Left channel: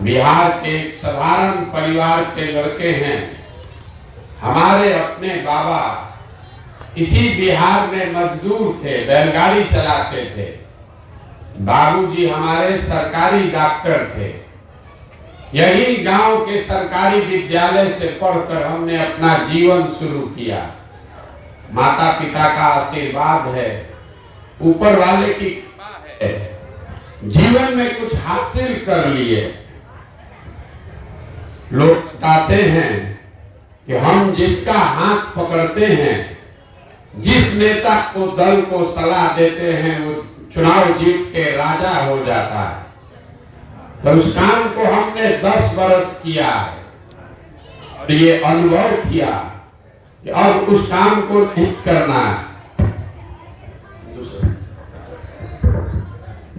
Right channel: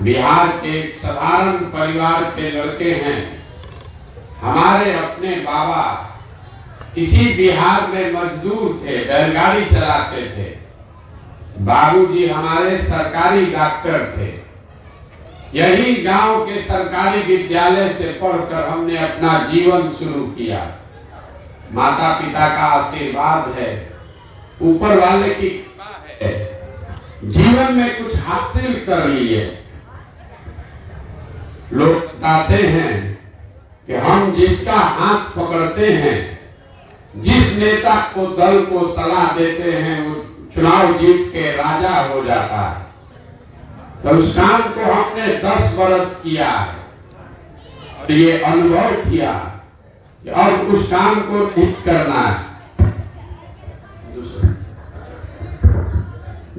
बिहार के एक साधारण परिवार के लड़के हैं। हमारे अपने बाबा इसी बिहार में मजदूर थे, बैलगाड़ी चलाते थे। बाबूजी हमारे सरकारी डॉक्टर थे। यही गांव के सरकारी विद्यालय से पढ़कर हमने अपना जीवन शुरू किया। माता पिता का आशीर्वाद है, ऊपर वाले की कृपा है, जीवन में कुछ हासिल कर लिए। लोग बताते हैं कि हम जिसका हाथ पकड़ते हैं, जिस नेता को दल को सलाह देते हैं, वो चुनाव जीत के राजा हो जाता है। तो उस काम को हमने 10 वर्ष किया है और ये अनुभव किया कि अब उस काम को नहीं करना है।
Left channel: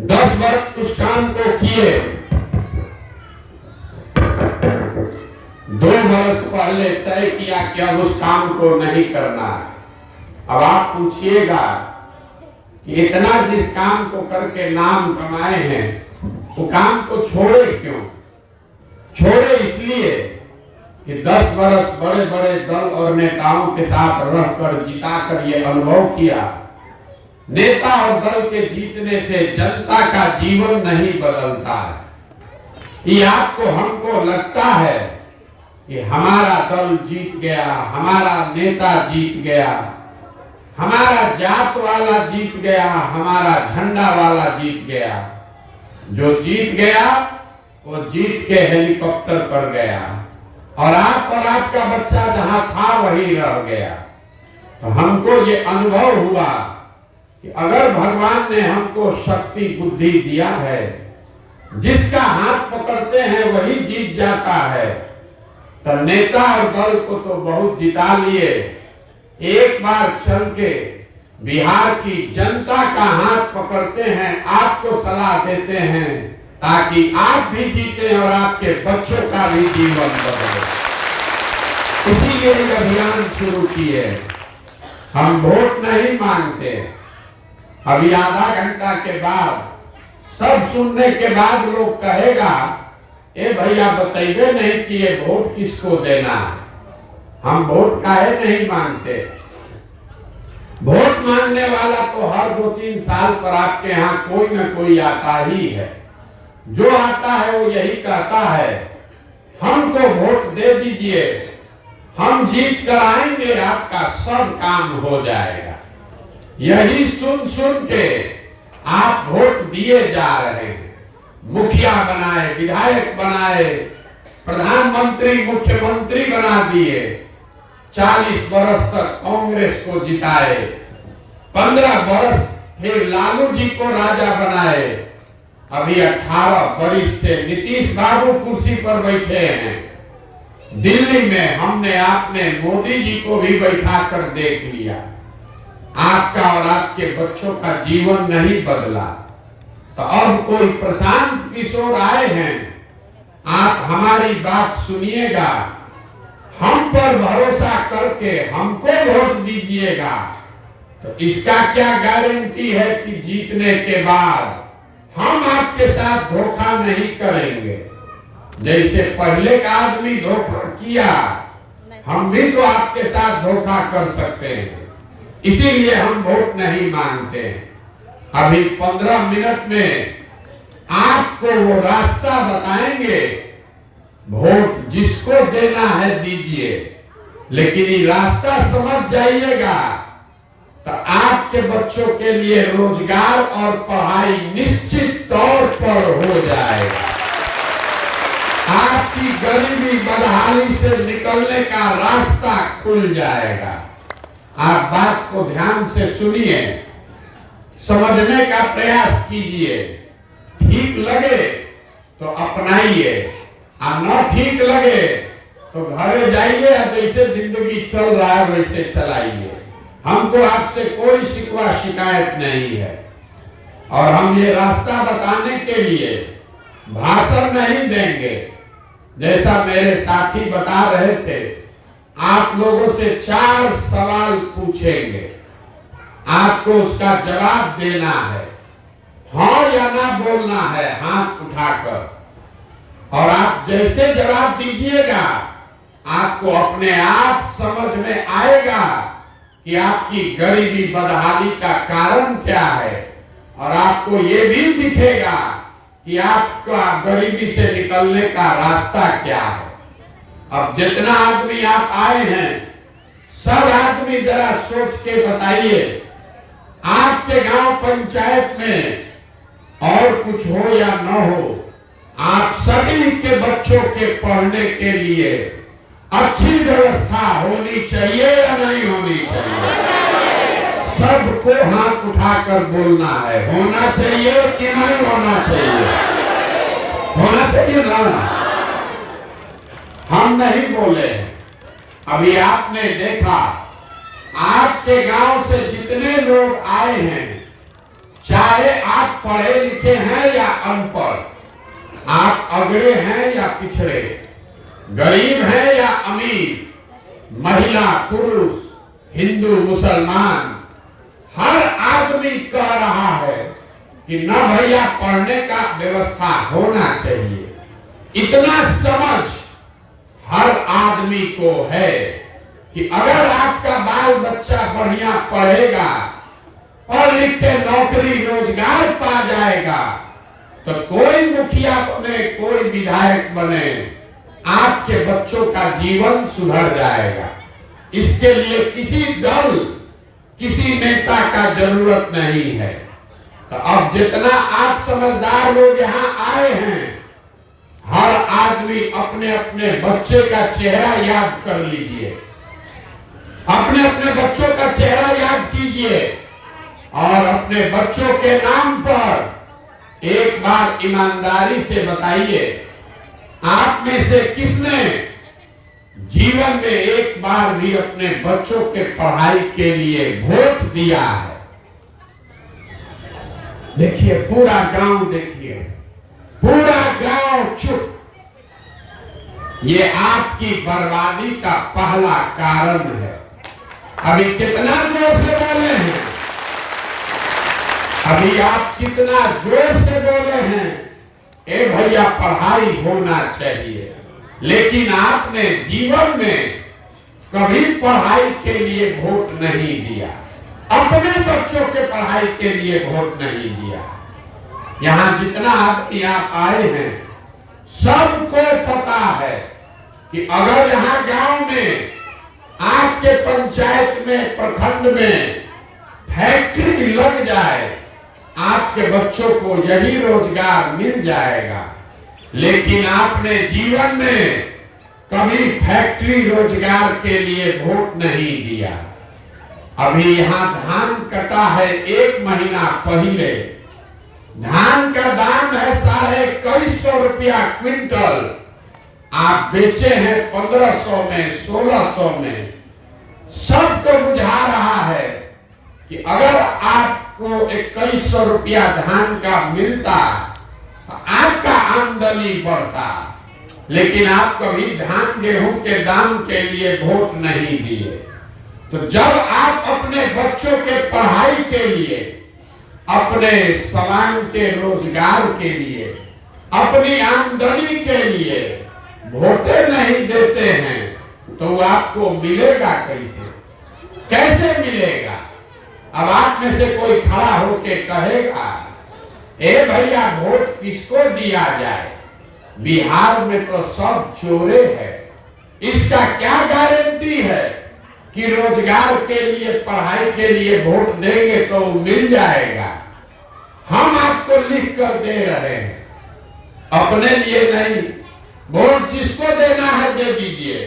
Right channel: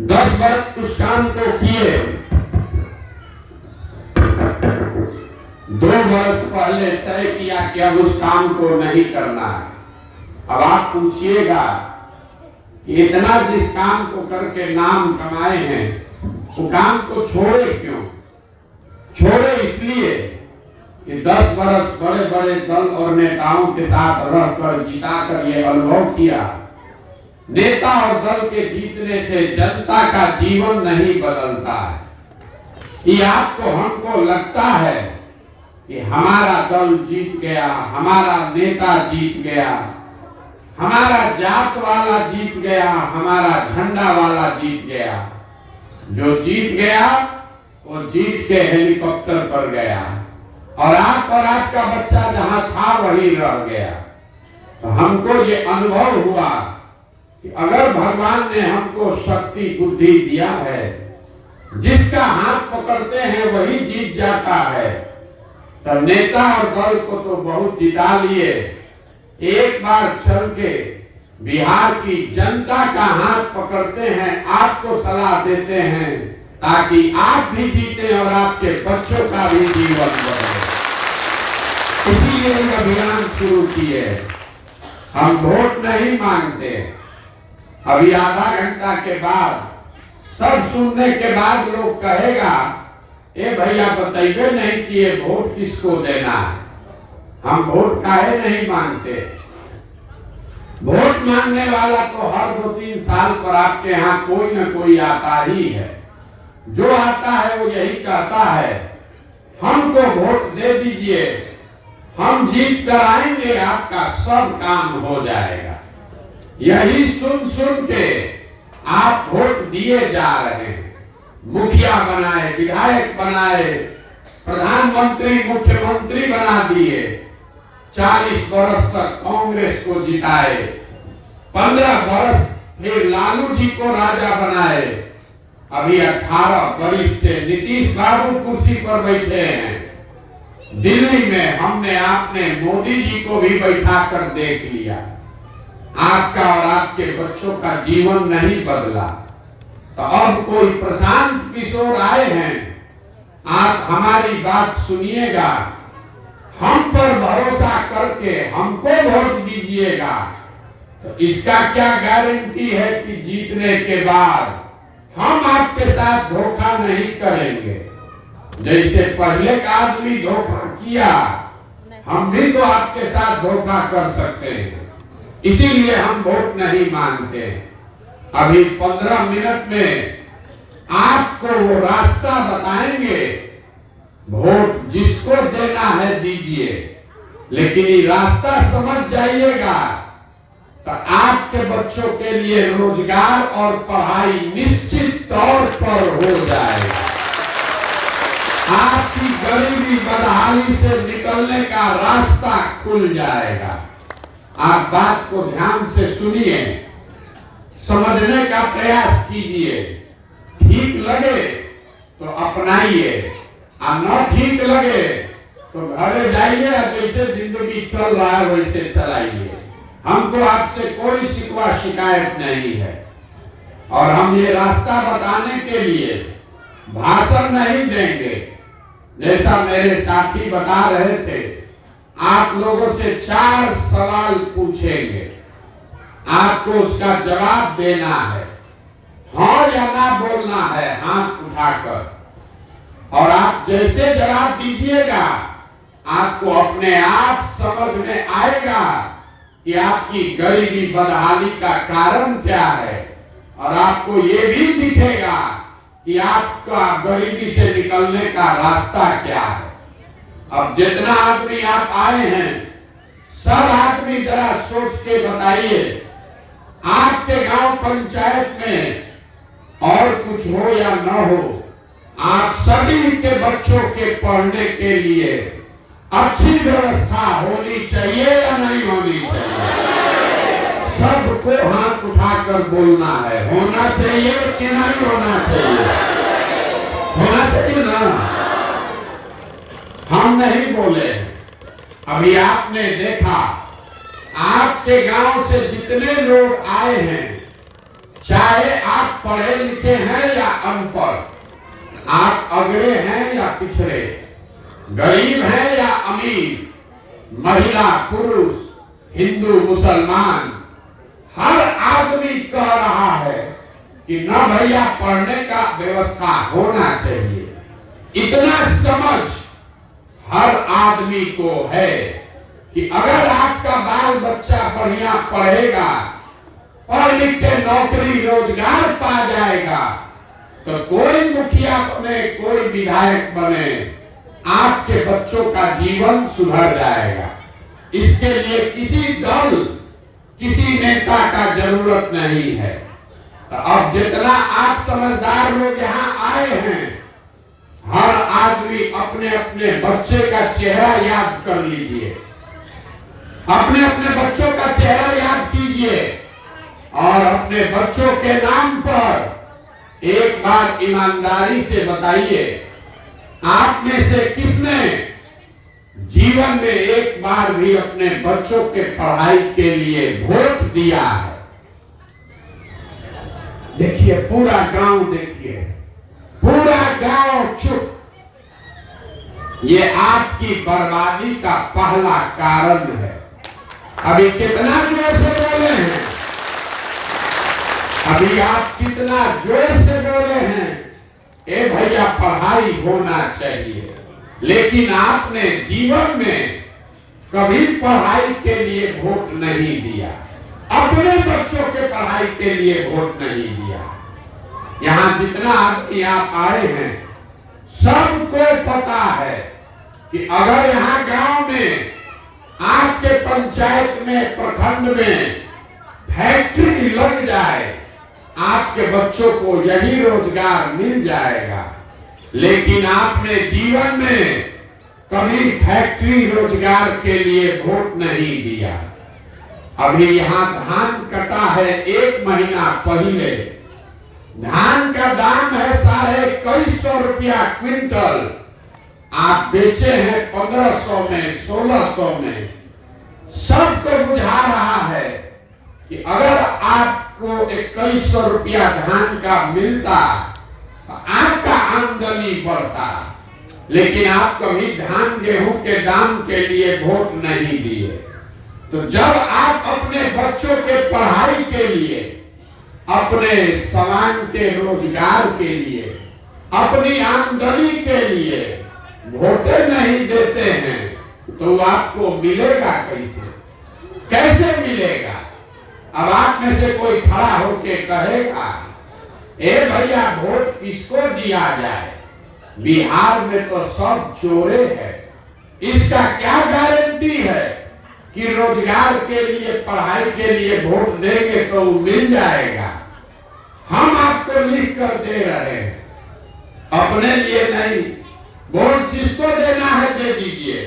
10 वर्ष उस काम को किए। 2 वर्ष पहले तय किया कि अब उस काम को नहीं करना है। अब आप पूछिएगा कि इतना जिस काम को करके नाम कमाए हैं, वो काम को छोड़े क्यों? छोड़े इसलिए कि 10 वर्ष बड़े बड़े दल और नेताओं के साथ रहकर जिताकर ये अनुभव किया, नेता और दल के जीतने से जनता का जीवन नहीं बदलता है। ये आपको हमको लगता है कि हमारा दल जीत गया, हमारा नेता जीत गया, हमारा जात वाला जीत गया, हमारा झंडा वाला जीत गया। जो जीत गया वो जीत के हेलीकॉप्टर पर गया और आप और आपका बच्चा जहां था वही रह गया। तो हमको ये अनुभव हुआ कि अगर भगवान ने हमको शक्ति बुद्धि दिया है, जिसका हाथ पकड़ते हैं वही जीत जाता है। तब नेता और दल को तो बहुत जिता लिए, एक बार चल के बिहार की जनता का हाथ पकड़ते हैं, आपको सलाह देते हैं ताकि आप भी जीते और आपके बच्चों का भी जीवन बदले। इसीलिए ये अभियान शुरू किए। हम वोट नहीं मांगते। अभी आधा घंटा के बाद सब सुनने के बाद लोग कहेगा, ए भैया बताइए नहीं कि ये वोट किसको देना है। हम वोट काहे नहीं मांगते? वोट मांगने वाला तो हर 2-3 साल पर आपके यहाँ कोई न कोई आता ही है। जो आता है वो यही कहता है, हमको वोट दे दीजिए, हम जीत कर आएंगे, आपका सब काम हो जाएगा। यही सुन सुन के आप वोट दिए जा रहे हैं। मुखिया बनाए, विधायक बनाए, प्रधानमंत्री मुख्यमंत्री बना दिए, 40 वर्ष तक कांग्रेस को जिताए, 15 वर्ष फिर लालू जी को राजा बनाए, अभी 18 वर्ष से नीतीश बाबू कुर्सी पर बैठे हैं। दिल्ली में हमने आपने मोदी जी को भी बैठा कर देख लिया। आपका और आपके बच्चों का जीवन नहीं बदला। तो अब कोई प्रशांत किशोर आए हैं, आप हमारी बात सुनिएगा, हम पर भरोसा करके हमको वोट दीजिएगा। तो इसका क्या गारंटी है कि जीतने के बाद हम आपके साथ धोखा नहीं करेंगे? जैसे पहले का आदमी धोखा किया, हम भी तो आपके साथ धोखा कर सकते हैं। इसीलिए हम वोट नहीं मांगते। अभी 15 मिनट में आपको वो रास्ता बताएंगे। वोट जिसको देना है दीजिए, लेकिन ये रास्ता समझ जाइएगा तो आपके बच्चों के लिए रोजगार और पढ़ाई निश्चित तौर पर हो जाएगा। आपकी गरीबी बदहाली से निकलने का रास्ता खुल जाएगा। आप बात को ध्यान से सुनिए, समझने का प्रयास कीजिए। ठीक लगे तो अपनाइए, और न ठीक लगे तो घरे जाइए, जैसे जिंदगी चल रहा है वैसे चलाइए। हमको आपसे कोई शिकवा शिकायत नहीं है। और हम ये रास्ता बताने के लिए भाषण नहीं देंगे। जैसा मेरे साथी बता रहे थे, आप लोगों से 4 सवाल पूछेंगे, आपको उसका जवाब देना है, हाँ या ना बोलना है हाथ उठाकर। और आप जैसे जवाब दीजिएगा आपको अपने आप समझ में आएगा कि आपकी गरीबी बदहाली का कारण क्या है, और आपको ये भी दिखेगा कि आपका गरीबी से निकलने का रास्ता क्या है। अब जितना आदमी आप आए हैं, सब आदमी जरा सोच के बताइए, आपके गांव पंचायत में और कुछ हो या न हो, आप सभी के बच्चों के पढ़ने के लिए अच्छी व्यवस्था होनी चाहिए या नहीं होनी चाहिए? सबको हाथ उठाकर बोलना है, होना चाहिए कि नहीं होना चाहिए? होना चाहिए ना। हम नहीं बोले। अभी आपने देखा, आपके गांव से जितने लोग आए हैं, चाहे आप पढ़े लिखे हैं या अनपढ़, आप अगड़े हैं या पिछड़े, गरीब हैं या अमीर, महिला पुरुष, हिंदू मुसलमान, हर आदमी कह रहा है कि न भैया पढ़ने का व्यवस्था होना चाहिए। इतना समझ हर आदमी को है कि अगर आपका बाल बच्चा बढ़िया पढ़ेगा, पढ़ लिख के नौकरी रोजगार पा जाएगा, तो कोई मुखिया बने, कोई विधायक बने, आपके बच्चों का जीवन सुधर जाएगा। इसके लिए किसी दल, किसी नेता का जरूरत नहीं है। तो अब जितना आप समझदार लोग यहाँ आए हैं, हर आदमी अपने अपने बच्चे का चेहरा याद कर लीजिए, अपने अपने बच्चों का चेहरा याद कीजिए और अपने बच्चों के नाम पर एक बार ईमानदारी से बताइए, आप में से किसने जीवन में एक बार भी अपने बच्चों के पढ़ाई के लिए वोट दिया है? देखिए पूरा गांव, देखिए पूरा गांव चुप। ये आपकी बर्बादी का पहला कारण है। अभी कितना जोर से बोले हैं, अभी आप कितना जोर से बोले हैं, ए भैया पढ़ाई होना चाहिए, लेकिन आपने जीवन में कभी पढ़ाई के लिए वोट नहीं दिया, अपने बच्चों के पढ़ाई के लिए वोट नहीं दिया। यहाँ जितना आदमी आप आए हैं, सबको पता है कि अगर यहाँ गांव में, आपके पंचायत में, प्रखंड में फैक्ट्री लग जाए, आपके बच्चों को यही रोजगार मिल जाएगा। लेकिन आपने जीवन में कभी फैक्ट्री रोजगार के लिए वोट नहीं दिया। अभी यहाँ धान कटा है, 1 महीना पहले धान का दाम है 250 रुपया क्विंटल, आप बेचे हैं 1500 में, 1600 में। सबको बुझा रहा है कि अगर आपको 2100 रुपया धान का मिलता तो आपका आमदनी बढ़ता, लेकिन आप कभी धान गेहूं के दाम के लिए वोट नहीं दिए। तो जब आप अपने बच्चों के पढ़ाई के लिए, अपने समाज के रोजगार के लिए, अपनी आमदनी के लिए वोटे नहीं देते हैं, तो आपको मिलेगा कैसे? कैसे मिलेगा? अब आप में से कोई खड़ा होके कहेगा, ए भैया वोट किसको दिया जाए, बिहार में तो सब चोरे हैं, इसका क्या गारंटी है कि रोजगार के लिए, पढ़ाई के लिए वोट देंगे तो मिल जाएगा? हम आपको लिख कर दे रहे हैं, अपने लिए नहीं। वोट जिसको देना है दे दीजिए,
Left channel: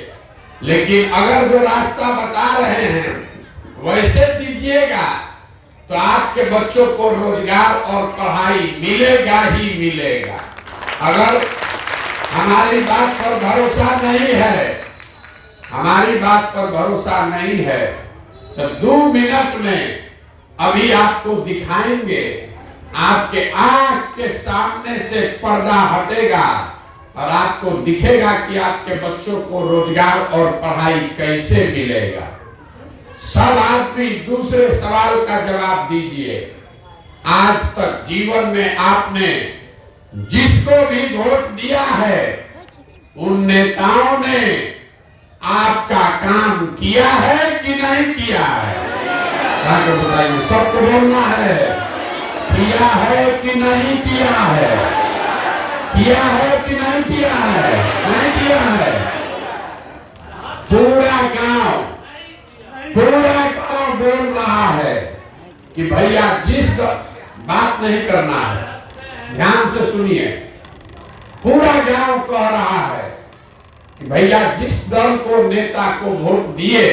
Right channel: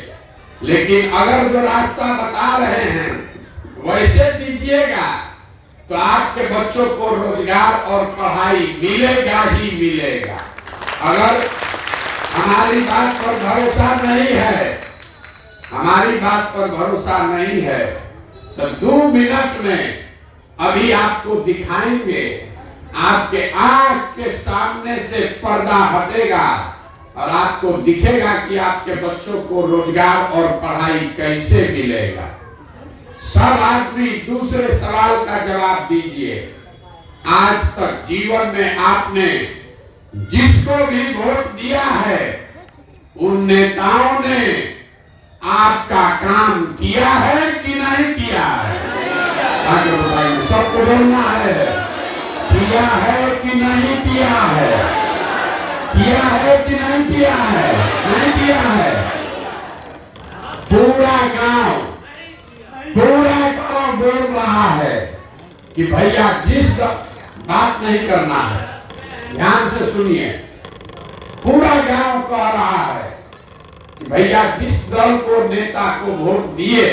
लेकिन अगर जो रास्ता बता रहे हैं वैसे दीजिएगा तो आपके बच्चों को रोजगार और पढ़ाई मिलेगा ही मिलेगा। अगर हमारी बात पर भरोसा नहीं है, हमारी बात पर भरोसा नहीं है, तो 2 मिनट में अभी आपको दिखाएंगे, आपके आंख के सामने से पर्दा हटेगा और आपको दिखेगा कि आपके बच्चों को रोजगार और पढ़ाई कैसे मिलेगा। सब आदमी दूसरे सवाल का जवाब दीजिए, आज तक जीवन में आपने जिसको भी वोट दिया है उन नेताओं ने आपका काम किया है कि नहीं किया है? आगे बताइए, सबको बोलना है, किया है कि नहीं किया है? किया है कि नहीं किया है? नहीं किया है। पूरा गांव बोल रहा है कि भैया जिस बात नहीं करना है, ध्यान से सुनिए, पूरा गांव कह रहा है कि भैया जिस दल को, नेता को वोट दिए,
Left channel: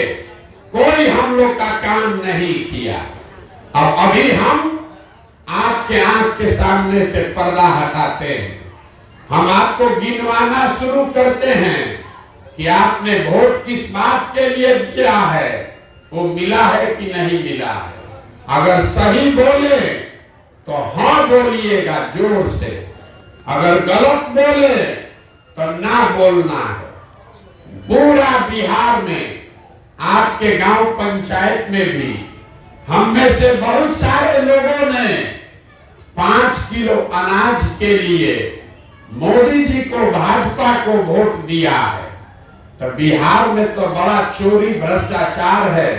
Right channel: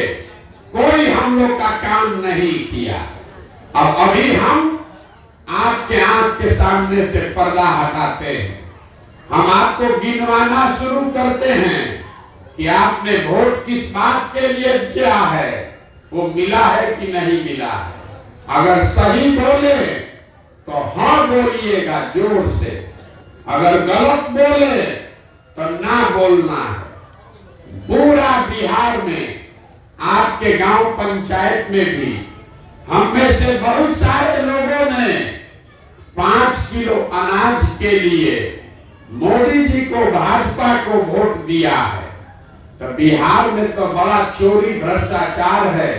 कोई हम लोग का काम नहीं किया। अब अभी हम आपके आंख के सामने से पर्दा हटाते हैं, हम आपको गिनवाना शुरू करते हैं कि आपने वोट किस बात के लिए दिया है, वो मिला है कि नहीं मिला है। अगर सही बोले तो हाँ बोलिएगा जोर से, अगर गलत बोले तो ना बोलना है। पूरा बिहार में, आपके गांव पंचायत में भी हम में से बहुत सारे लोगों ने 5 किलो अनाज के लिए मोदी जी को, भाजपा को वोट दिया है। तो बिहार में तो बड़ा चोरी भ्रष्टाचार है।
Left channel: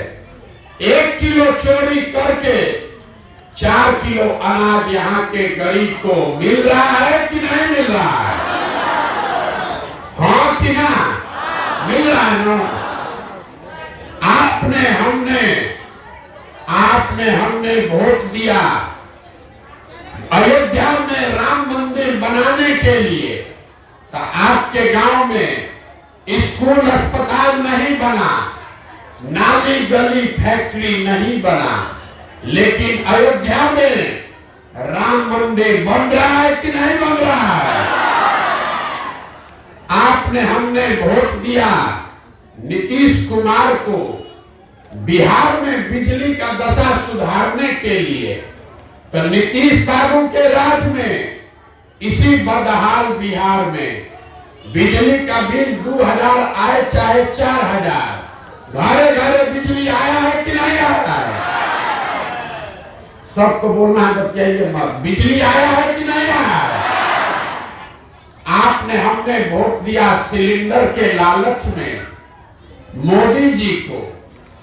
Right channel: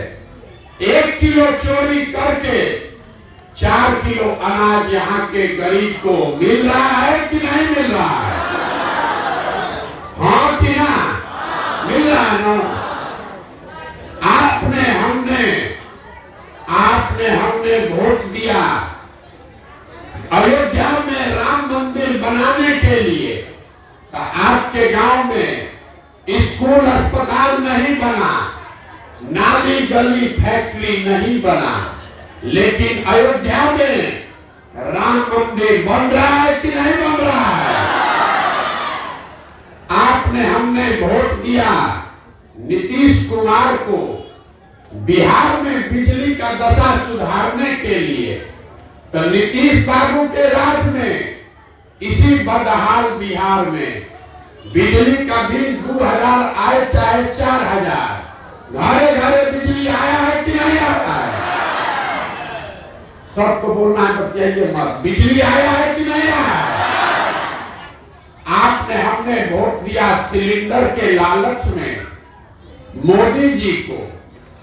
1 किलो चोरी करके 4 किलो अनाज यहाँ के गरीब को मिल रहा है कि नहीं मिल रहा है? हाँ कि ना मिल रहा है ना? हमने वोट दिया अयोध्या में राम मंदिर बनाने के लिए, तो आपके गांव में स्कूल, अस्पताल नहीं बना, नाली गली फैक्ट्री नहीं बना, लेकिन अयोध्या में राम मंदिर बन रहा है कि नहीं बन रहा है? हमने वोट दिया नीतीश कुमार को बिहार में बिजली का दशा सुधारने के लिए, तो नीतीश बाबू के राज में इसी बदहाल बिहार में बिजली का बिल 2000 आए चाहे 4000, घरे घरे बिजली आया है कि नहीं आता है? सबको बोलना है, बताइए मत, बिजली आया है कि नहीं आया है? हमने वोट दिया सिलेंडर के लालच में मोदी जी को,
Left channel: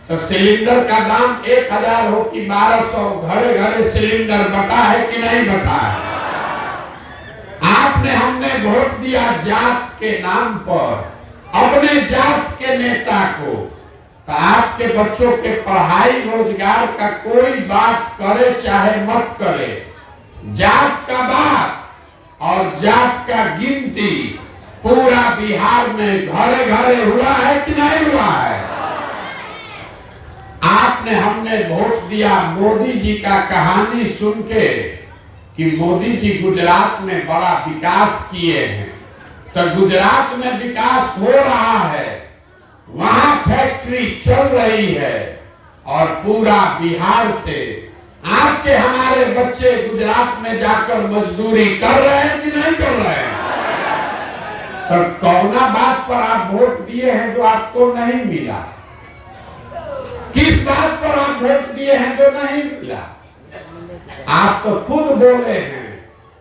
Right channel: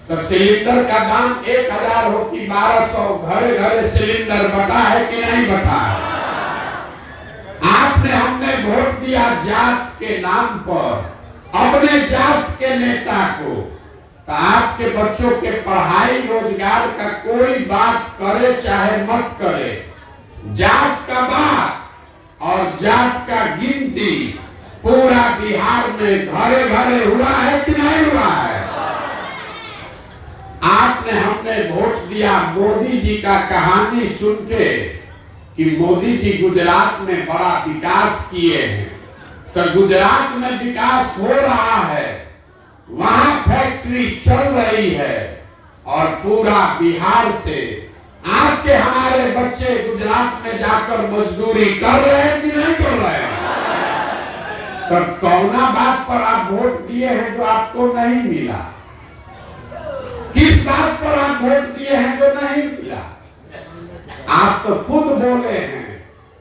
तो सिलेंडर का दाम 1000 हो कि 1200, घरे घरे सिलेंडर बटा है कि नहीं बटा है? हमने वोट दिया जात के नाम पर अपने जात के नेता को, तो आपके बच्चों के पढ़ाई रोजगार का कोई बात करे चाहे मत करे, जात का बात और जात का गिनती पूरा बिहार में घरे घरे हुआ है कि नहीं हुआ है? हमने वोट दिया मोदी जी का कहानी सुन के कि मोदी जी गुजरात में बड़ा विकास किए हैं, तो गुजरात में विकास हो रहा है, वहां फैक्ट्री चल रही है, और पूरा बिहार से आपके हमारे बच्चे गुजरात में जाकर मजदूरी कर रहे हैं कि नहीं कर रहे हैं? तो कौना बात पर आप वोट दिए हैं जो आपको नहीं मिला? किस बात पर आप वोट दिए हैं जो नहीं मिला? आप तो खुद बोले हैं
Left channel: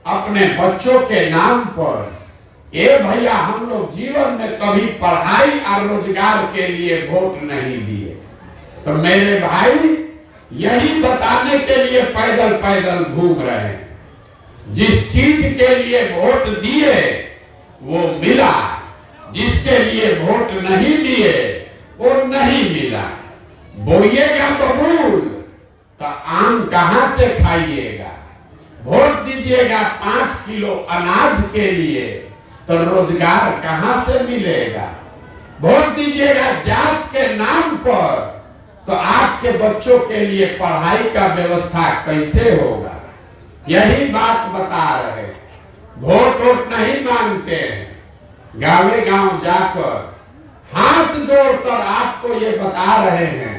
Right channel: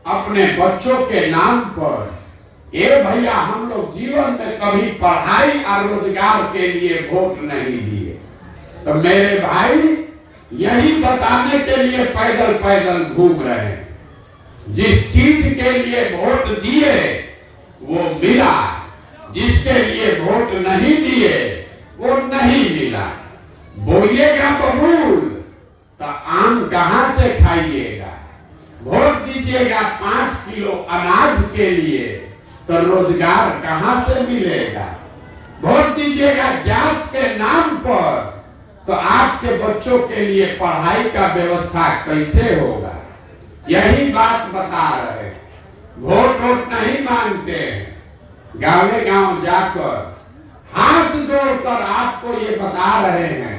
अपने बच्चों के नाम पर, ये भैया हम लोग जीवन में कभी पढ़ाई और रोजगार के लिए वोट नहीं दिए। तो मेरे भाई यही बताने के लिए पैदल पैदल घूम रहे हैं, जिस चीज के लिए वोट दिए वो मिला, जिसके लिए वोट नहीं दिए वो नहीं मिला। बोइएगा बबूल तो आम कहां से खाइएगा? वोट दीजिएगा 5 किलो अनाज के लिए तो रोजगार कहां से मिलेगा? वोट दीजिएगा जात के नाम पर तो आपके बच्चों के लिए पढ़ाई का व्यवस्था कैसे होगा? यही बात बता रहे। वोट नहीं मांगते हैं, गाँव गांव जाकर हाथ जोड़कर आपको ये बता रहे हैं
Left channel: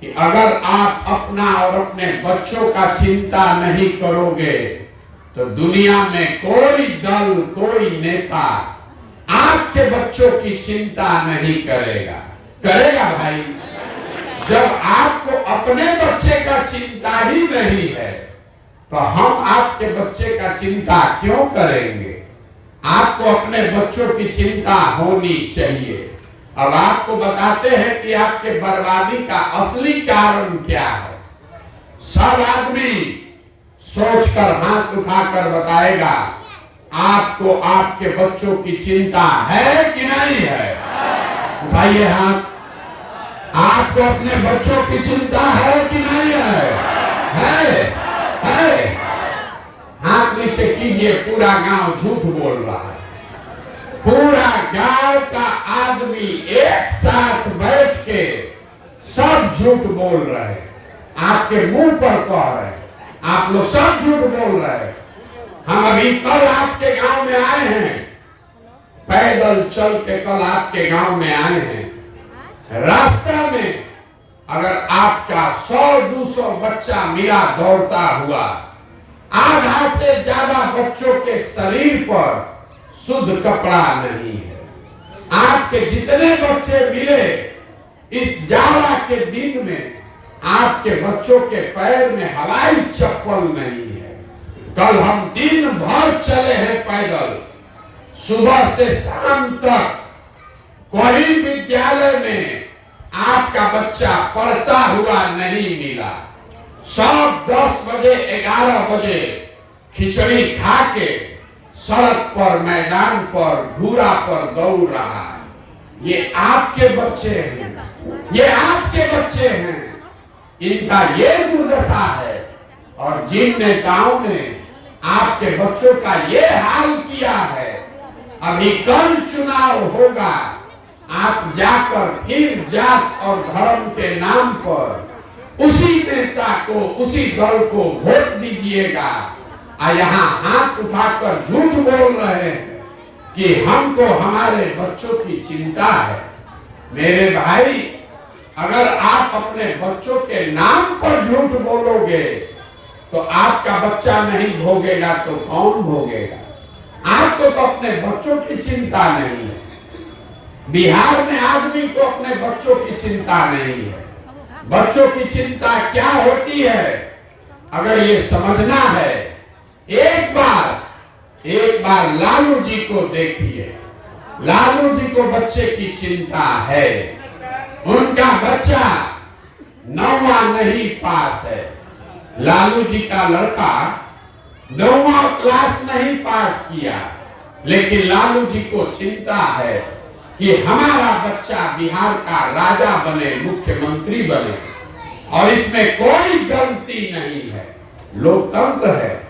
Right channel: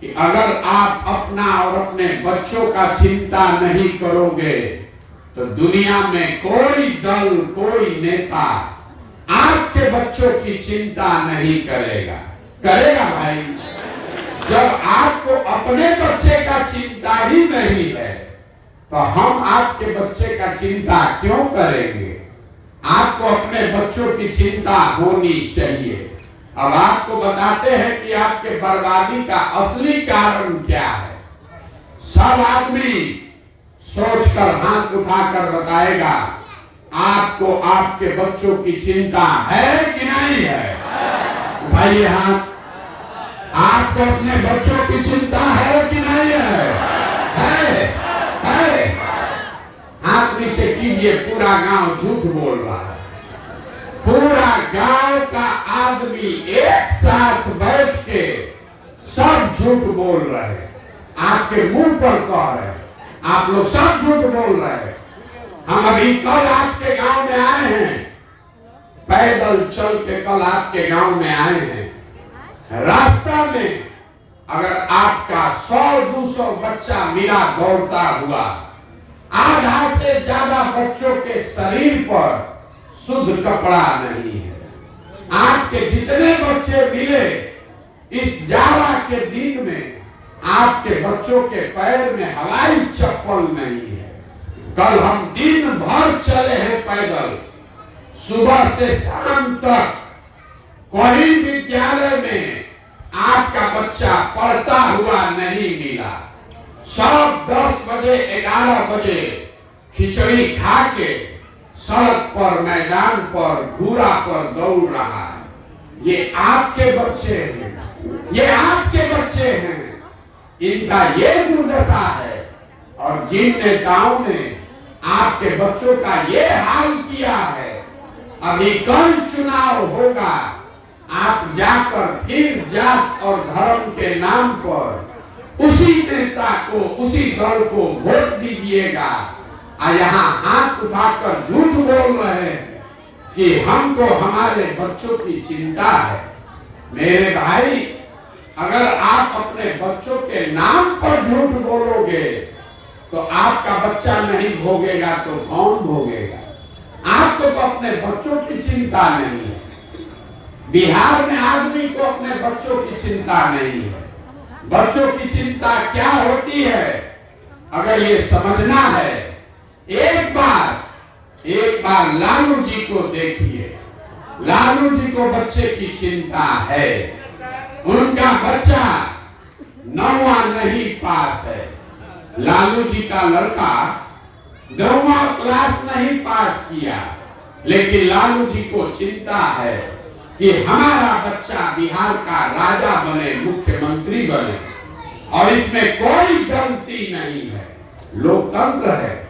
कि अगर आप अपना और अपने बच्चों का चिंता नहीं करोगे तो दुनिया में कोई दल, कोई नेता आपके बच्चों की चिंता नहीं करेगा। करेगा भाई? जब आपको अपने बच्चे का चिंता ही नहीं है तो हम आपके बच्चे का चिंता क्यों करेंगे? आपको अपने बच्चों की चिंता होनी चाहिए। अब आपको बताते हैं कि आपके बर्बादी का असली कारण क्या है। सब आदमी सोचकर हाथ उठाकर बताएगा, आपको आपके बच्चों की चिंता है कि नहीं है? उठाइए हाथ। आपको अपने बच्चों की चिंता है कि नहीं है? है। हाथ नीचे कीजिए। पूरा गांव झूठ बोल रहा है। पूरा गांव का आदमी एक साथ बैठ के सब झूठ बोल रहे हैं। आपके मुंह पर कह रहे हैं, आप लोग सब झूठ बोल रहे हैं। हम अभी कल आपके गांव में आए हैं, पैदल चल के कल आपके गांव में आए हैं। रास्ता में अगर आपका 100-200 बच्चा मिला दौड़ता हुआ, आधा से ज्यादा बच्चों के शरीर पर शुद्ध कपड़ा नहीं है। आपके जितने बच्चे मिले इस जाड़ा के दिन में, आपके बच्चों के पैर में हवाई चप्पल नहीं है। कल हम दिन भर चले हैं पैदल, सुबह से शाम तक। कोई विद्यालय में आपका बच्चा पढ़ता हुआ नहीं मिला। सब 10 बजे 11 बजे खिचड़ी खा के सड़क पर, मैदान पर, घूरा पर दौड़ रहा है। ये आपके बच्चे हैं, ये आपके बच्चे हैं। इनका ये दुर्दशा है। और जिन नेताओं ने आपके बच्चों का ये हाल किया है, अभी कल चुनाव होगा, आप जाकर फिर जात और धर्म के नाम पर उसी नेता को, उसी दल को वोट दीजिएगा। यहाँ हाथ उठाकर झूठ बोल रहे हैं कि हमको हमारे बच्चों की चिंता है। मेरे भाई, अगर आप अपने बच्चों के नाम पर झूठ बोलोगे तो आपका बच्चा नहीं भोगेगा तो कौन भोगेगा? आपको तो अपने बच्चों की चिंता नहीं है। बिहार में आदमी को अपने बच्चों की चिंता नहीं है। बच्चों की चिंता क्या होती है, अगर ये समझना है, एक बार लालू जी को देखिए। लालू जी को बच्चे की चिंता है। उनका बच्चा 9वां नहीं पास है। लालू जी का लड़का 9वां क्लास नहीं पास किया, लेकिन लालू जी को चिंता है कि हमारा बच्चा बिहार का राजा बने, मुख्यमंत्री बने। और इसमें कोई गलती नहीं है। लोकतंत्र है,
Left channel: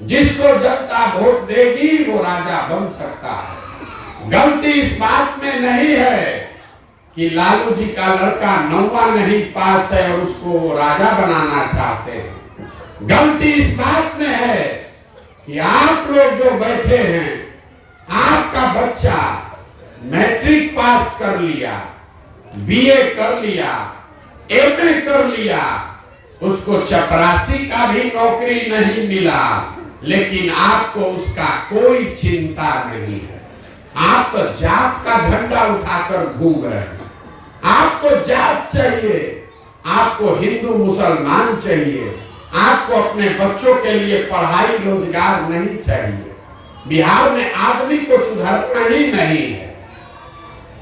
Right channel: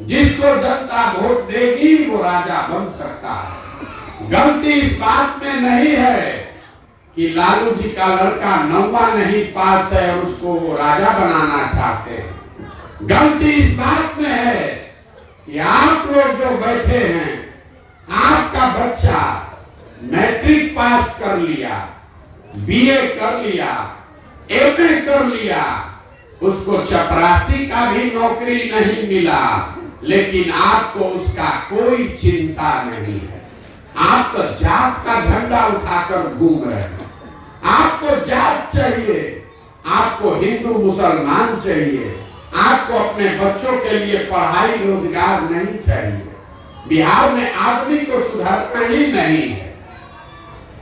जिसको जनता वोट देगी वो राजा बन सकता है। गलती इस बात में नहीं है कि लालू जी का लड़का 9वां नहीं पास है और उसको वो राजा बनाना चाहते हैं। गलती इस बात में है कि आप लोग जो बैठे हैं, आपका बच्चा मैट्रिक पास कर लिया, बीए कर लिया, एमए कर लिया, उसको चपरासी का भी नौकरी नहीं मिला, लेकिन आपको उसका कोई चिंता नहीं है। आप तो जात का झंडा उठाकर घूम रहे हैं। आपको जात चाहिए, आपको हिंदू मुसलमान चाहिए, आपको अपने बच्चों के लिए पढ़ाई रोजगार नहीं चाहिए। बिहार में आदमी को सुधारना ही नहीं है।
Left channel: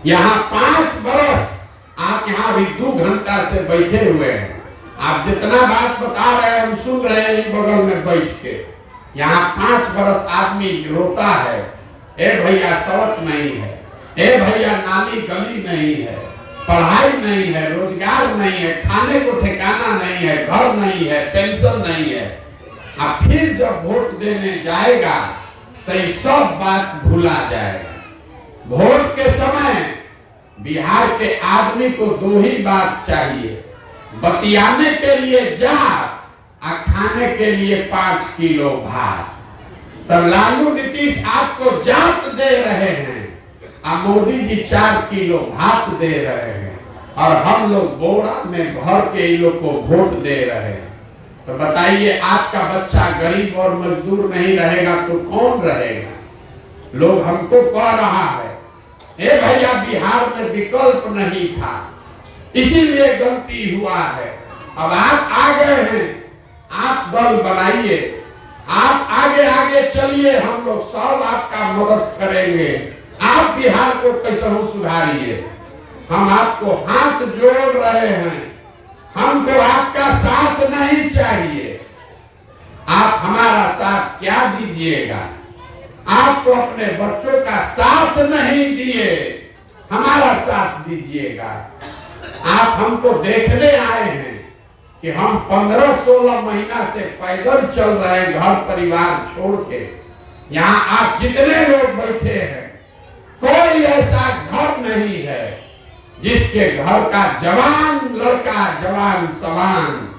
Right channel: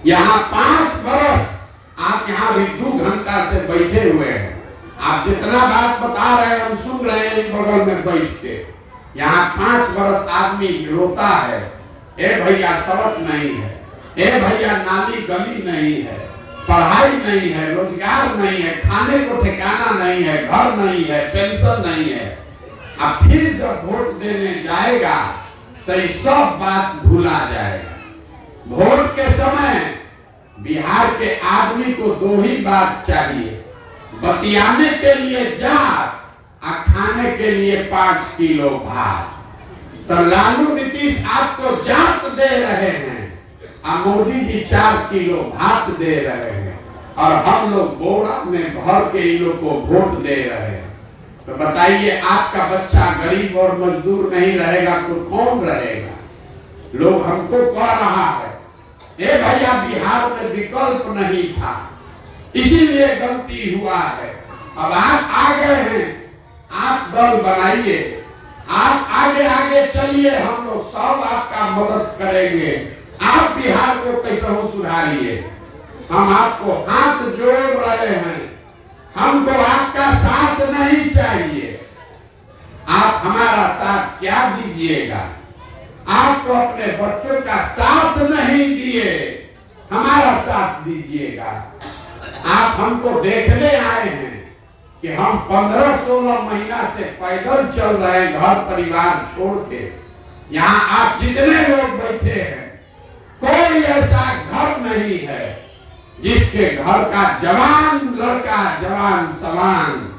यहाँ 5 बरस आप यहाँ भी 2 घंटा से बैठे हुए हैं। आप जितना बात बता रहे हैं हम सुन रहे हैं बगल में बैठ के। यहाँ 5 बरस आदमी रोता है, ए भैया सड़क नहीं है, ए भैया नाली गली नहीं है, पढ़ाई नहीं है, रोजगार नहीं है, खाने को ठिकाना नहीं है, घर नहीं है, पेंशन नहीं है। अब फिर जब वोट देने जाएगा तो ये सब बात भूला जाएगा। वोट के समय बिहार के आदमी को 2 ही बात चाहिए, बतियाने के लिए जात और खाने के लिए 5 किलो भात। तो लालू नीतीश आपको जात दे रहे हैं और मोदी जी 4 किलो भात दे रहे हैं, और हम लोग बोरा में भर के इन लोग को वोट दे रहे हैं। तो बताइए, आपका बच्चा गरीब और मजदूर नहीं रहेगा तो कौन रहेगा? लोग हमको कह रहा है, ए भैया बिहार में विकल्प नहीं था, इसीलिए गलती हुआ है। अब आप आ गए हैं, आप दल बनाइए, आप आगे आगे चलिए, हम लोग सब आपका मदद करेंगे। आप बिहार को कैसे सुधारिए। हम आपको हाथ जोड़ रहे हैं, हमको आपका साथ नहीं चाहिए। आप हमारा साथ क्या दीजिएगा? आपको अपने बच्चों का साथ नहीं दिए, हमारा साथ दीजिएगा। आप हमको देखने आए हैं कि हम 15-16 महीना से पैदल चल रहे हैं, घर परिवार छोड़ के। यहाँ आप जितने लोग बैठे हैं, कोई ऐसा घर नहीं है जिसके घर का जवान लड़का, जवान सवान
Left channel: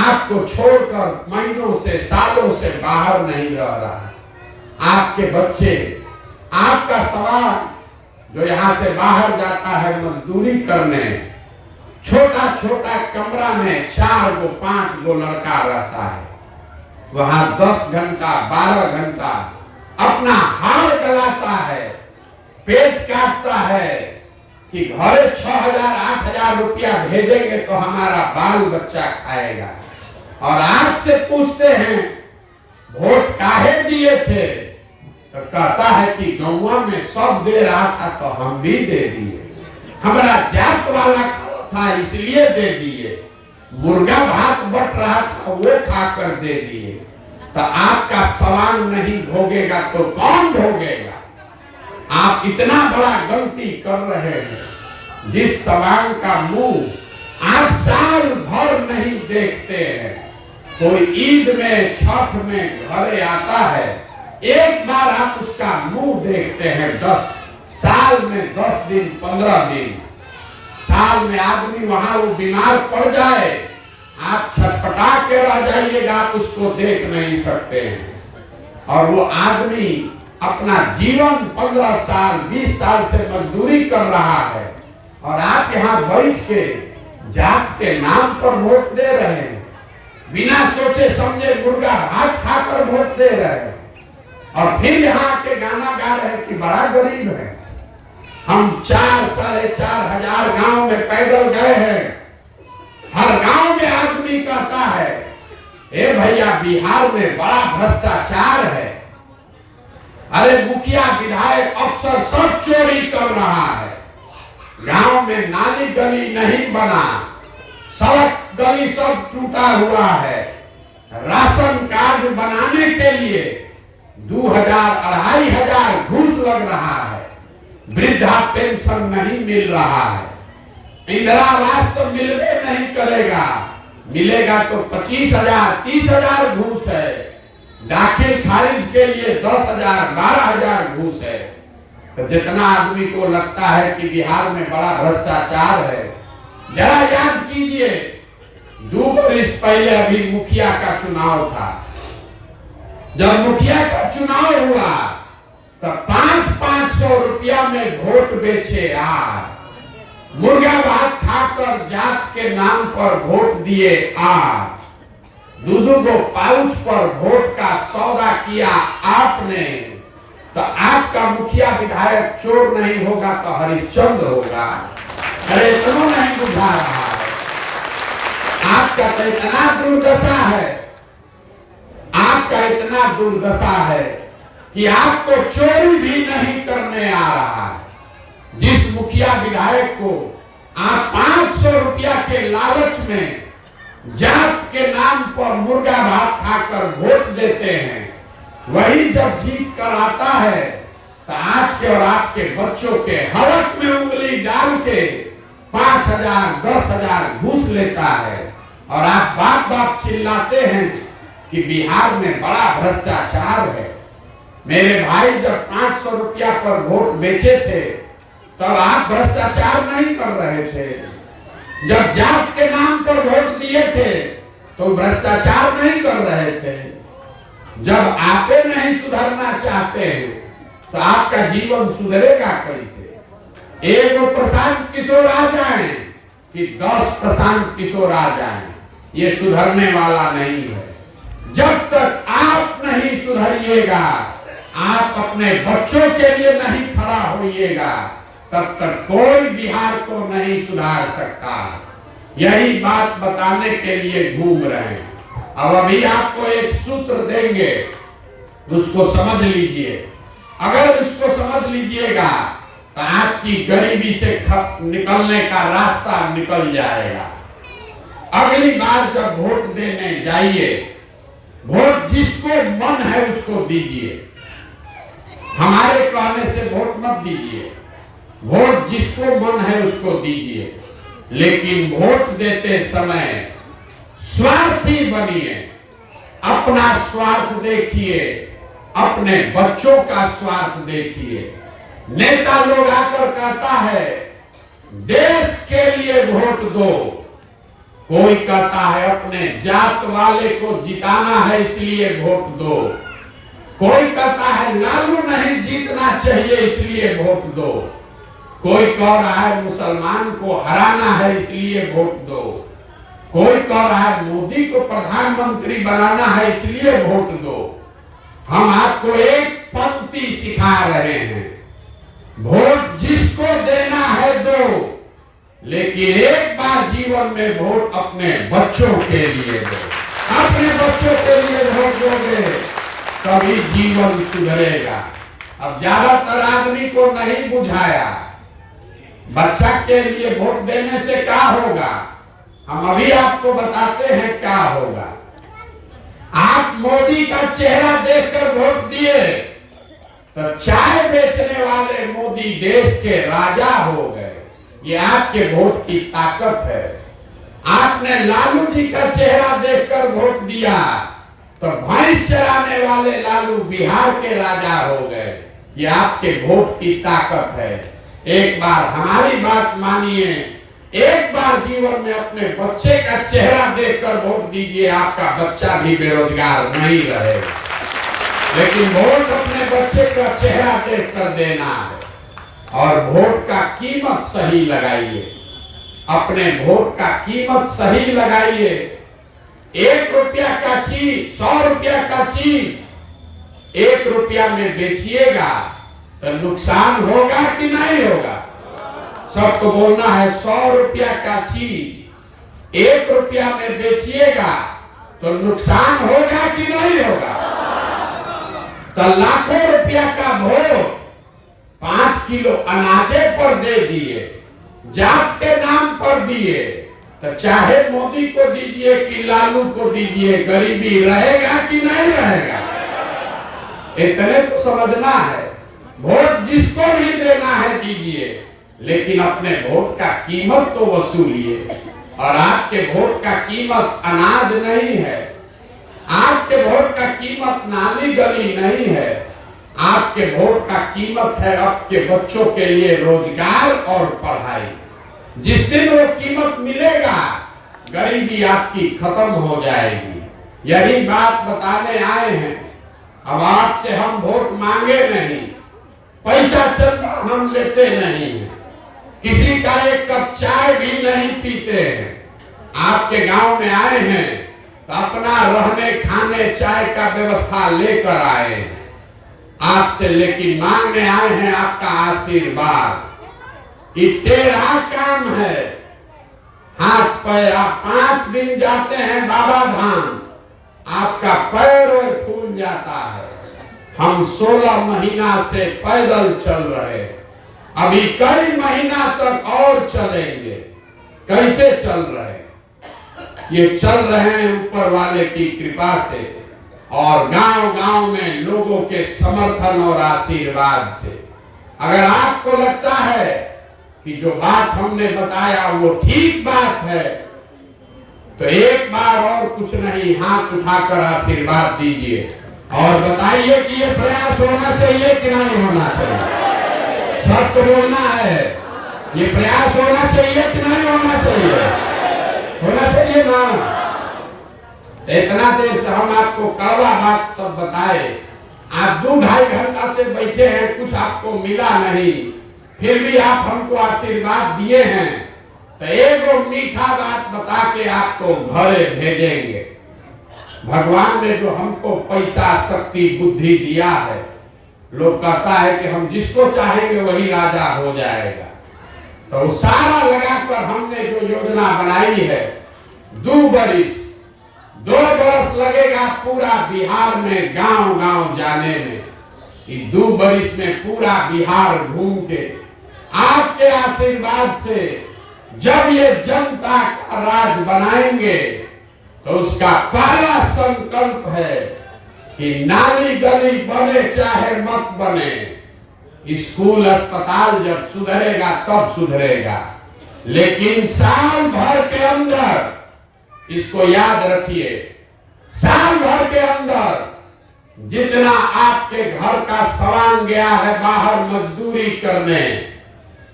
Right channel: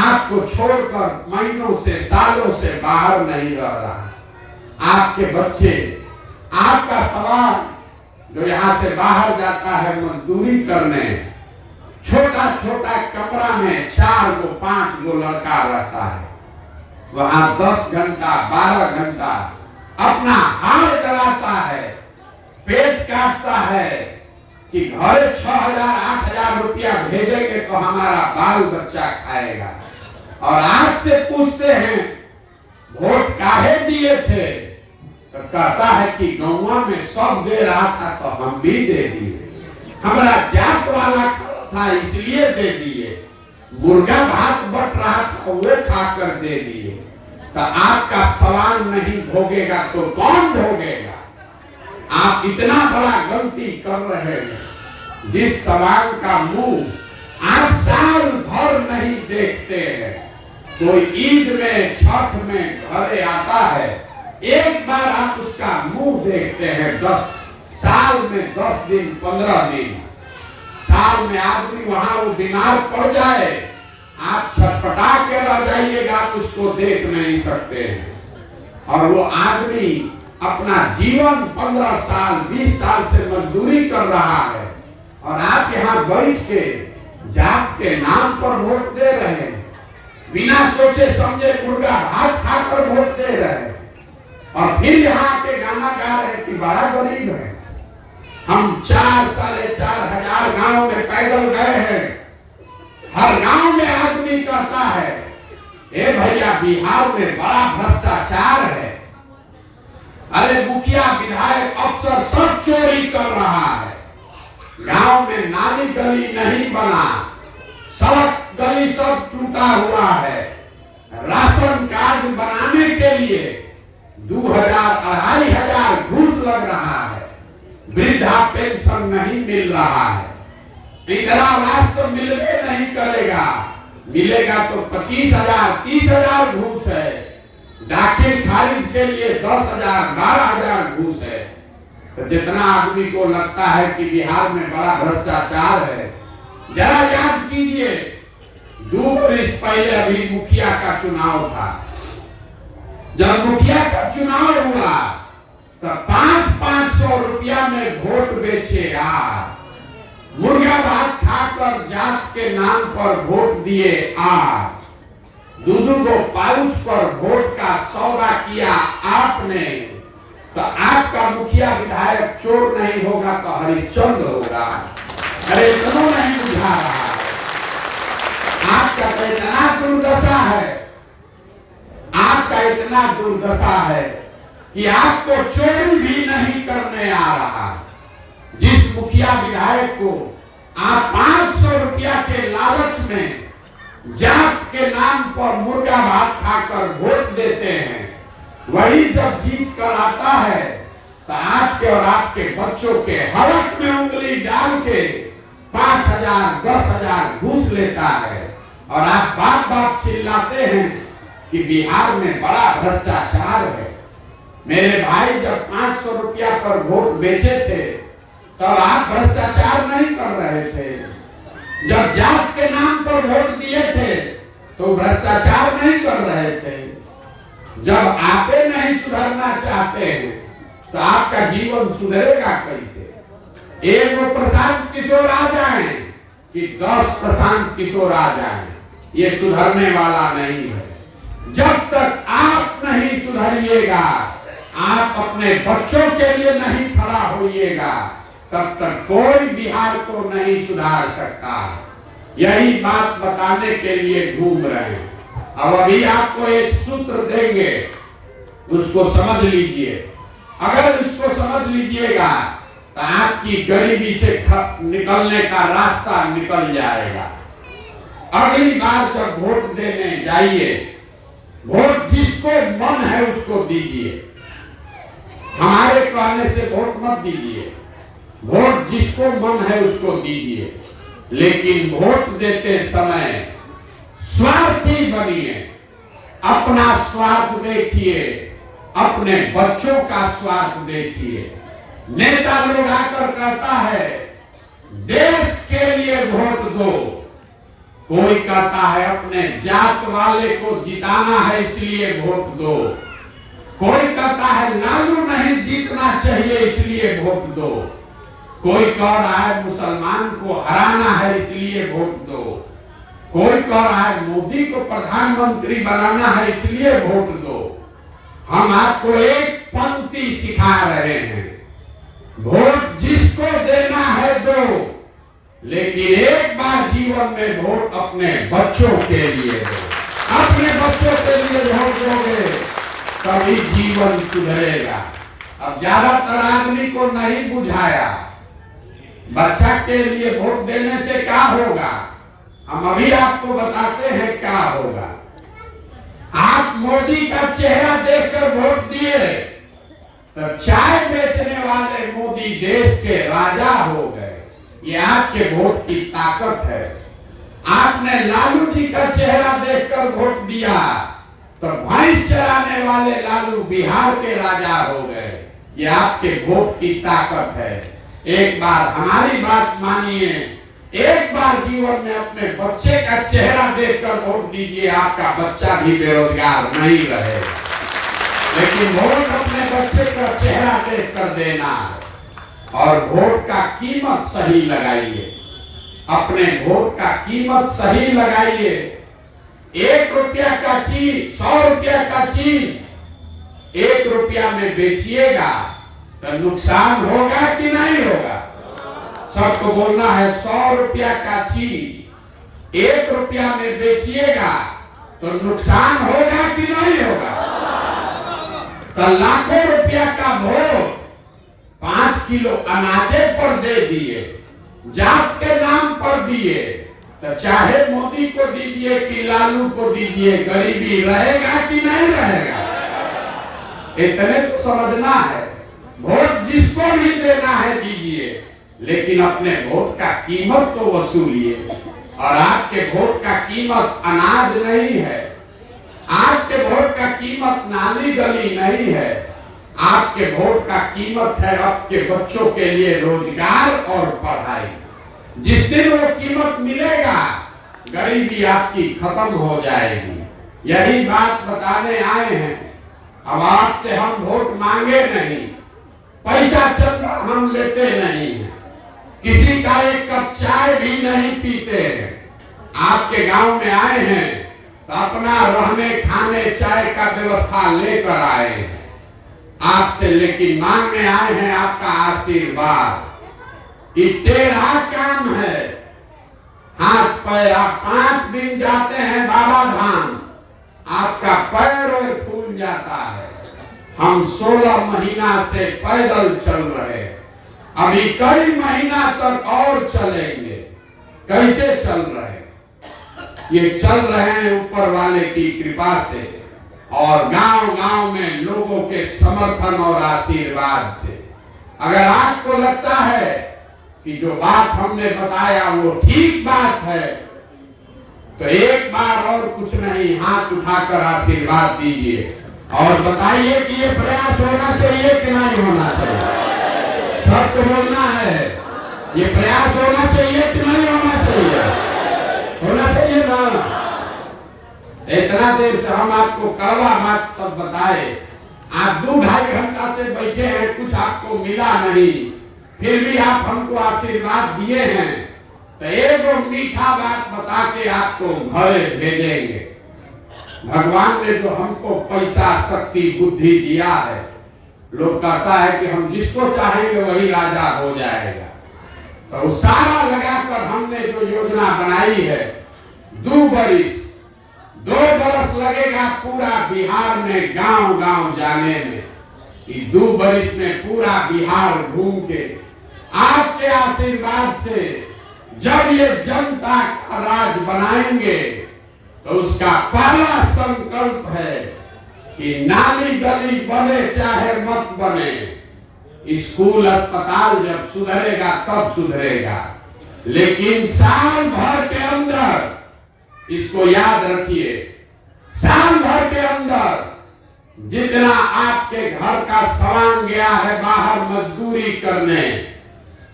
आपको छोड़कर महीनों से, सालों से बाहर नहीं रह रहा। आपके बच्चे, आपका सवाल जो यहाँ से बाहर जाता है मजदूरी करने, छोटा छोटा कमरा में 4 गो 5 गो लड़का रहता है, वहां 10 घंटा 12 घंटा अपना हाल कराता है, पेट काटता है कि घरे 6,000-8,000 रुपया भेजेंगे तो हमारा बाल बच्चा खाएगा। और आपसे पूछते हैं वोट काहे दिए थे, तो कहता है कि गौवा में सब दे रहा था तो हम भी दे दिए, हमारा जात वाला था इसलिए दे दिए, मुर्गा भात बट रहा था वो खाकर दे दिए। तो आपका सवाल नहीं भोगेगा तो कौन भोगेगा? आप इतना बड़ा गलती कर रहे हैं, जिस सवाल का मुंह आप साल भर नहीं देखते हैं। कोई ईद में, छठ में घरे आता है, एक बार आप उसका मुंह देखते हैं। 10 साल में 10 दिन 15 दिन, साल में आदमी वहां वो बीमार पड़ जाए, आप छटपटा के रह जाइएगा, आप उसको देख नहीं सकते हैं। और वो आदमी अपना जीवन 15 साल 20 साल से मजदूरी कर रहा है, और आप यहाँ बैठ के जात के नाम पर वोट दे रहे हैं, बिना सोचे समझे मुर्गा भात खाकर वोट दे रहे हैं, और फिर यहाँ के गाना गा रहे हैं कि बड़ा गरीब है। हम 4-4.5 हजार गांव में पैदल गए हैं, हर गांव में आदमी कहता है ए भैया बिहार में बड़ा भ्रष्टाचार है, अरे मुखिया विधायक अफसर सब चोरी कर रहा है, गांव में नाली गली नहीं बना, सड़क गली सब टूटा हुआ है, राशन कार्ड बनाने के लिए 2,000-2,500 घूस लग रहा है, वृद्धा पेंशन नहीं मिल रहा है, इंदिरा आवास तो मिलवे नहीं करेगा, मिलेगा तो 25,000-30,000 घूस है, दाखिल खारिज के लिए 10,000-12,000 घूस है। तो जितना आदमी को लगता है कि बिहार में बड़ा भ्रष्टाचार है, जरा याद कीजिए 2 वर्ष पहले अभी मुखिया का चुनाव था, जब मुखिया का चुनाव हुआ तो 500-500 रुपया में वोट बेचे आज, मुर्गा भात खाकर जात के नाम पर वोट दिए आज, 2 गो पाउच पर वोट का सौदा किया आपने। तो आपका मुखिया विधायक चोर नहीं होगा तो हरिश्चंद्र होगा। अरे क्यों नहीं बुझा रहा है? आपका तो इतना दुर्दशा है, आपका इतना दुर्दशा है कि आपको चोरी भी नहीं करने आ रहा। जिस मुखिया विधायक को आप 500 रुपया के लालच में जात के नाम पर मुर्गा भात खाकर वोट देते हैं, वही जब जीत कर आता है तो आपके और आपके बच्चों के हलक में उंगली डाल के 5,000-10,000 घूस लेता है, और आप बाप बाप चिल्लाते हैं कि बिहार में बड़ा भ्रष्टाचार है। मेरे भाई जब 500 रुपया पर वोट बेचे थे तब आप भ्रष्टाचार नहीं कर रहे थे, जब जात के नाम पर वोट दिए थे तो भ्रष्टाचार नहीं कर रहे थे। जब आप नहीं सुधरना चाहते हैं तो आपका जीवन सुधरेगा कैसे? एक प्रशांत किशोर आ जाए कि 10 प्रशांत किशोर आ जाए, ये सुधरने वाला नहीं है। जब तक आप नहीं सुधरिएगा, आप अपने बच्चों के लिए नहीं खड़ा होइएगा, तब तक कोई बिहार को नहीं सुधार सकता। यही बात बताने के लिए घूम रहे हैं। अब अभी आपको एक सूत्र देंगे, उसको समझ लीजिए। अगर इसको समझ लीजिएगा तो आपकी गरीबी से निकलने का रास्ता निकल जाएगा। अगली बार जब वोट देने जाइए, वोट जिसको मन है उसको दीजिए। हमारे कहने से वोट मत दीजिए, वोट जिसको मन है उसको दीजिए। लेकिन वोट देते समय स्वार्थी बनिए, अपना स्वार्थ देखिए, अपने बच्चों का स्वार्थ देखिए। नेता लोग आकर कहता है देश के लिए वोट दो, कोई कहता है अपने जात वाले को जिताना है इसलिए वोट दो, कोई कहता है लालू नहीं जीतना चाहिए इसलिए वोट दो, कोई कह रहा है मुसलमान को हराना है इसलिए वोट दो, कोई कह रहा है मोदी को प्रधानमंत्री बनाना है इसलिए वोट दो। हम आपको एक पंक्ति सिखा रहे हैं, वोट जिसको देना है दो, लेकिन एक बार जीवन में वोट अपने बच्चों के लिए दो। अपने बच्चों के लिए वोट दोगे तभी जीवन सुधरेगा। अब ज्यादातर आदमी को नहीं बुझाया, बच्चा के लिए वोट देने से क्या होगा, हम अभी आपको बताते हैं क्या होगा। आप मोदी का चेहरा देखकर वोट दिए तो चाय बेचने वाले मोदी देश के राजा हो गए। ये आपके वोट की ताकत है। आपने लालू जी का चेहरा देखकर वोट दिया तो भैंस चराने वाले लालू बिहार के राजा हो गए। ये आपके वोट की ताकत है। एक बार हमारी बात मानिए, एक बार जीवन में अपने बच्चे का चेहरा देखकर वोट दीजिए, आपका बच्चा भी बेरोजगार नहीं रहेगा। लेकिन वोट अपने बच्चे का चेहरा देखकर देना है। और वोट का कीमत सही लगाइए, अपने वोट का कीमत सही लगाइए। 1 रुपया का चीज 100 रुपया का चीज 1 रुपया में बेचिएगा तो नुकसान होगा कि नहीं होगा? सबको बोलना है 100 रुपया का चीज 1 रुपया में बेचिएगा तो नुकसान होगा कि नहीं होगा? तो लाखों रुपया का वोट 5 किलो अनाजे पर दे दिए, जात के नाम पर दिए, तो चाहे मोदी को दीजिए कि लालू को दीजिए, गरीबी रहेगा कि नहीं रहेगा? इतने को समझना है। वोट जिसको भी देना है दीजिए, लेकिन अपने वोट का कीमत तो वसूलिए। और आपके वोट का कीमत अनाज नहीं है, आपके वोट का कीमत नाली गली नहीं है, आपके वोट का कीमत है आपके बच्चों के लिए रोजगार और पढ़ाई। जिस दिन वो कीमत मिलेगा गरीबी आपकी खत्म हो जाएगी। यही बात बताने आए हैं। अब आपसे हम वोट मांगे नहीं, पैसा चंदा हम लेते नहीं है, किसी का एक कप चाय भी नहीं पीते हैं। आपके गांव में आए हैं तो अपना रहने खाने चाय का व्यवस्था लेकर आए हैं आपसे, लेकिन मांगने आए हैं आपका आशीर्वाद। ये तेरा काम है। हाथ पैर आप 5 दिन जाते हैं बाबा धाम, आपका पैर और फूल जाता है। हम 16 महीना से पैदल चल रहे, अभी कई महीना तक और चलेंगे। कैसे चल रहे? ये चल रहे हैं ऊपर वाले की कृपा से और गांव-गांव में लोगों के समर्थन और आशीर्वाद से। अगर आपको लगता है कि जो बात हमने बताया वो ठीक बात है तो एक बार और कुछ नहीं, हाथ उठाकर आशीर्वाद दीजिए और बताइए कि ये प्रयास होना चाहिए कि नहीं होना चाहिए। सबको बोलना है, ये प्रयास होना चाहिए कि नहीं होना चाहिए? होना चाहिए ना। इतना देर से हम आपको कड़वा बात सब बताए, आप 2-2.5 घंटा से बैठे हैं, कुछ आपको मिला नहीं, फिर भी आप हमको आशीर्वाद दिए हैं तो एगो मीठा बात बता के आपको घरे भेजेंगे। भगवान ने जो हमको पैसा शक्ति बुद्धि दिया है, लोग कहता है कि हम जिसको चाहेंगे वही राजा हो जाएगा, तो सारा लगाकर हमने जो योजना बनाई है 2 बरिस 2 बरस लगेगा पूरा बिहार में गांव गांव जाने में। 2 बरस में पूरा बिहार घूम के आपके आशीर्वाद से जब ये जनता का राज बनाएंगे तो उसका पहला संकल्प है कि नाली गली बने चाहे मत बने, स्कूल अस्पताल जब सुधरेगा तब सुधरेगा, लेकिन साल भर के अंदर, इसको याद रखिए, साल भर के अंदर जितना आपके घर का सामान गया है बाहर मजदूरी करने,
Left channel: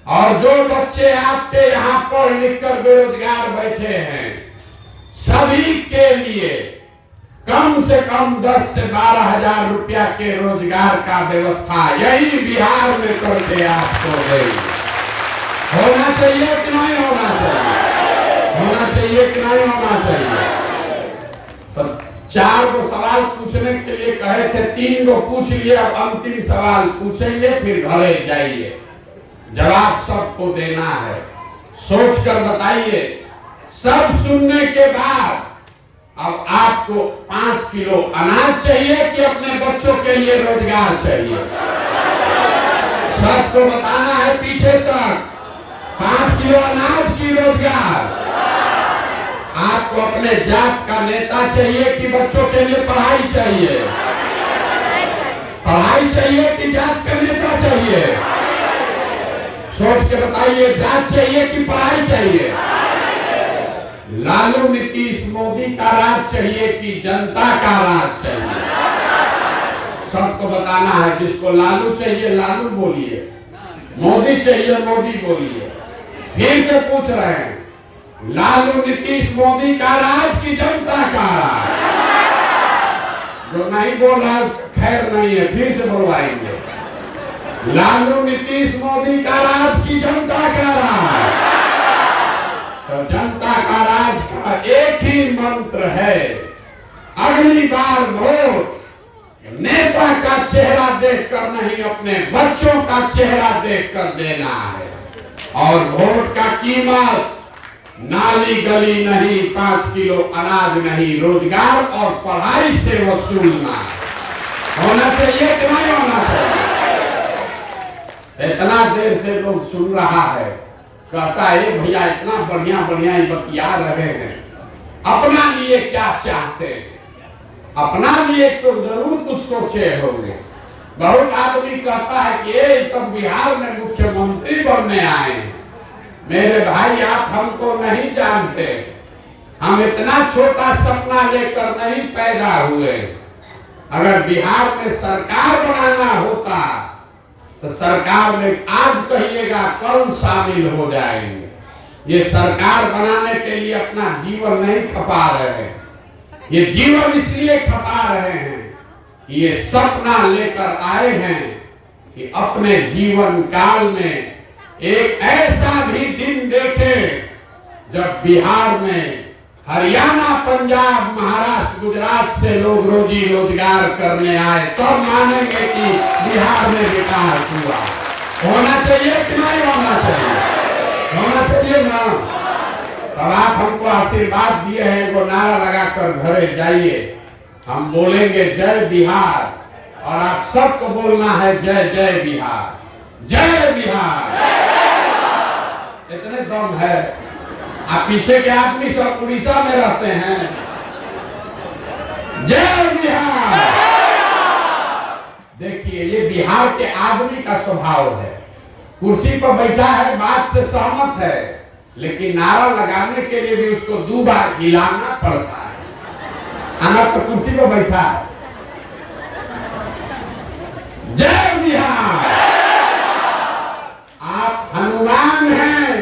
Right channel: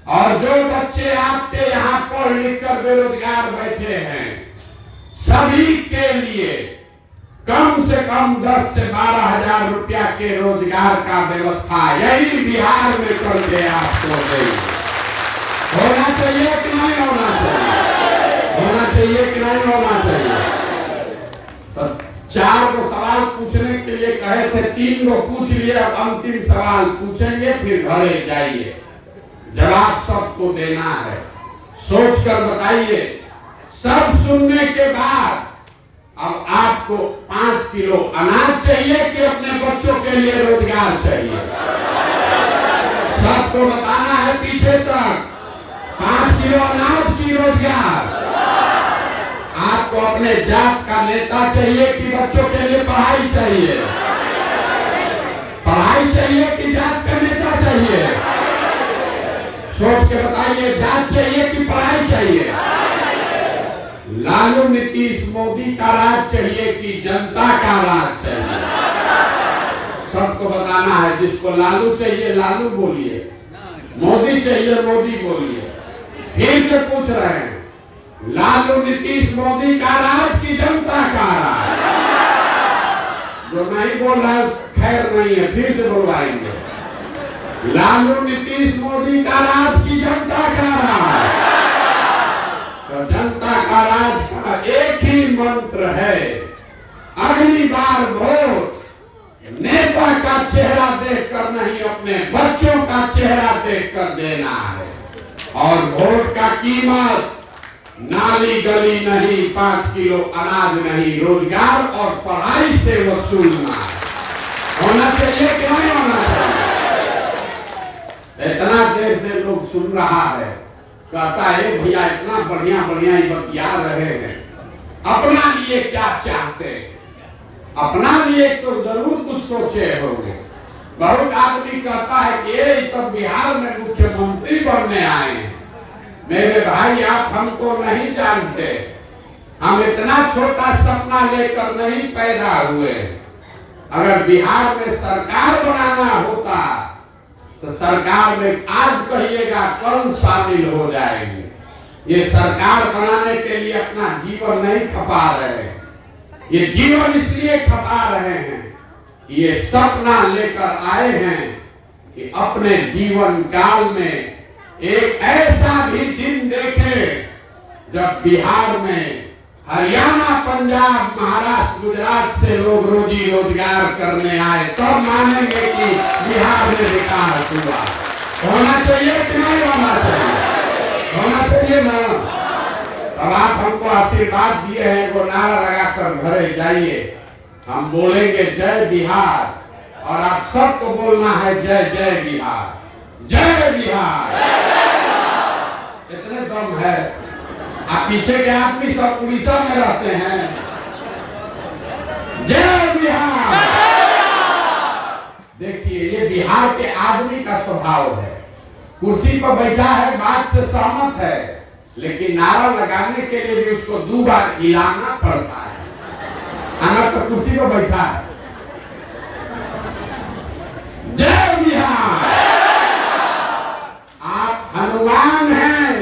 और जो बच्चे आपके यहाँ पढ़ लिख कर बेरोजगार बैठे हैं, सभी के लिए कम से कम 10 से 12 हजार रुपया के रोजगार का व्यवस्था यही बिहार में करके आपको देंगे। होना चाहिए कि नहीं होना चाहिए? होना चाहिए कि नहीं होना चाहिए? तो 4 गो सवाल पूछने के लिए कहे थे, 3 गो पूछ लिए, अब अंतिम सवाल पूछेंगे, फिर घरे जाइए। जवाब सबको देना है, सोच कर बताइए। सब सुनने के बाद अब आपको 5 किलो अनाज चाहिए कि अपने बच्चों के लिए रोजगार चाहिए? सबको बताना है पीछे तक, 5 किलो अनाज की रोजगार। आपको अपने जात का नेता चाहिए कि बच्चों के लिए पढ़ाई चाहिए? पढ़ाई चाहिए कि जात का नेता चाहिए? सोच के बताइए, जात चाहिए कि पढ़ाई चाहिए? लालू नीतीश मोदी का राज चाहिए कि जनता का राज चाहिए? सबको बताना है। जिसको लालू चाहिए लालू बोलिए, मोदी चाहिए मोदी बोलिए। फिर से पूछ रहे हैं, लालू नीतीश मोदी का राज की जनता का राज? जो नहीं बोल रहा खैर नहीं है, फिर से बोलाएंगे, लालू नीतीश मोदी का राज की जनता का राज? तो जनता का राज का एक ही मंत्र है, अगली बार वोट नेता का चेहरा देखकर नहीं, अपने बच्चों का चेहरा देखकर देना है। और वोट का कीमत नाली गली नहीं, 5 किलो अनाज नहीं, रोजगार और पढ़ाई से वसूलना होना चाहिए कि नहीं होना चाहिए? इतना देर से लोग सुन रहा है, कहता है भैया इतना बढ़िया बढ़िया बतिया रहे हैं, अपना लिए क्या चाहते हैं? अपना लिए तो जरूर कुछ सोचे होंगे। बहुत आदमी कहता है कि ये तो बिहार में मुख्यमंत्री बनने आए हैं। मेरे भाई आप हमको नहीं जानते, हम इतना छोटा सपना लेकर नहीं पैदा हुए। अगर बिहार में सरकार बनाना होता तो सरकार में आज कहिएगा कौन शामिल हो जाएंगे। ये सरकार बनाने के लिए अपना जीवन नहीं खपा रहे हैं, ये जीवन इसलिए खपा रहे हैं, ये सपना लेकर आए हैं कि अपने जीवन काल में एक ऐसा भी दिन देखे जब बिहार में हरियाणा, पंजाब, महाराष्ट्र, गुजरात से लोग रोजी रोजगार करने आए, तब तो मानेंगे कि बिहार में विकास हुआ। होना चाहिए कि नहीं होना चाहिए? होना चाहिए ना? अब आप हमको आशीर्वाद दिए हैं, वो नारा लगाकर घरे जाइए। हम बोलेंगे जय बिहार, और आप सबको बोलना है जय जय बिहार, जय बिहार। इतने दम है। आप पीछे के आदमी सब उड़ीसा में रहते हैं। जय बिहार। देखिए ये बिहार के आदमी का स्वभाव है, कुर्सी पर बैठा है, बात से सहमत है, लेकिन नारा लगाने के लिए भी उसको 2 बार हिलाना पड़ता है। अगर तो कुर्सी पर बैठा है। जय बिहार। आप हनुमान हैं,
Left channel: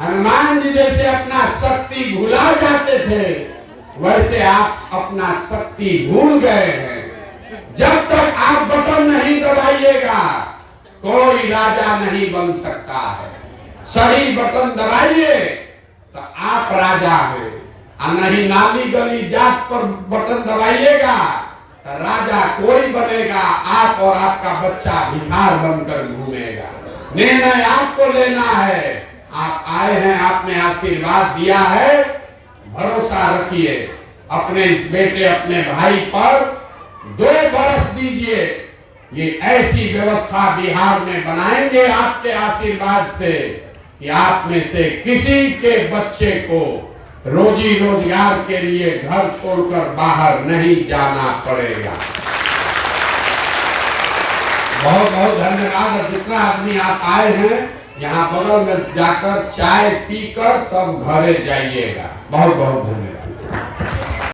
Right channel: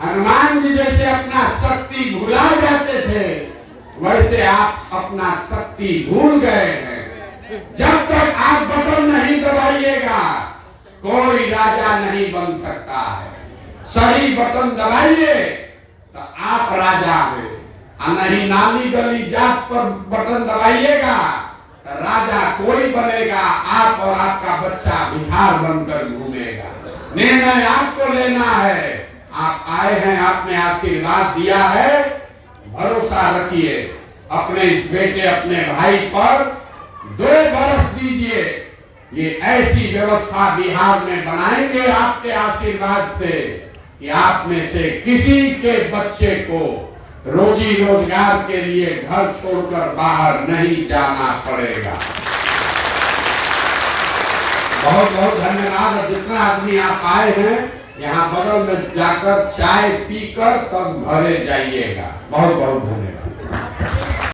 हनुमान जी जैसे अपना शक्ति भुला जाते थे, वैसे आप अपना शक्ति भूल गए हैं। जब तक आप बटन नहीं दबाइएगा कोई राजा नहीं बन सकता है। सही बटन दबाइए तो आप राजा हैं, और नहीं नाली गली जात पर बटन दबाइएगा तो राजा कोई बनेगा, आप और आपका बच्चा बिहार बनकर घूमेगा। निर्णय आपको लेना है। आप आए हैं, आपने आशीर्वाद दिया है, भरोसा रखिए अपने इस बेटे अपने भाई पर 2 बरस दीजिए। ये ऐसी व्यवस्था बिहार में बनाएंगे आपके आशीर्वाद से कि आप में से किसी के बच्चे को रोजी रोजगार के लिए घर छोड़कर बाहर नहीं जाना पड़ेगा। बहुत बहुत धन्यवाद। और जितना आदमी आप आए हैं यहाँ बगल में जाकर चाय पीकर तब घरे जाइएगा। बहुत बहुत धन्यवाद।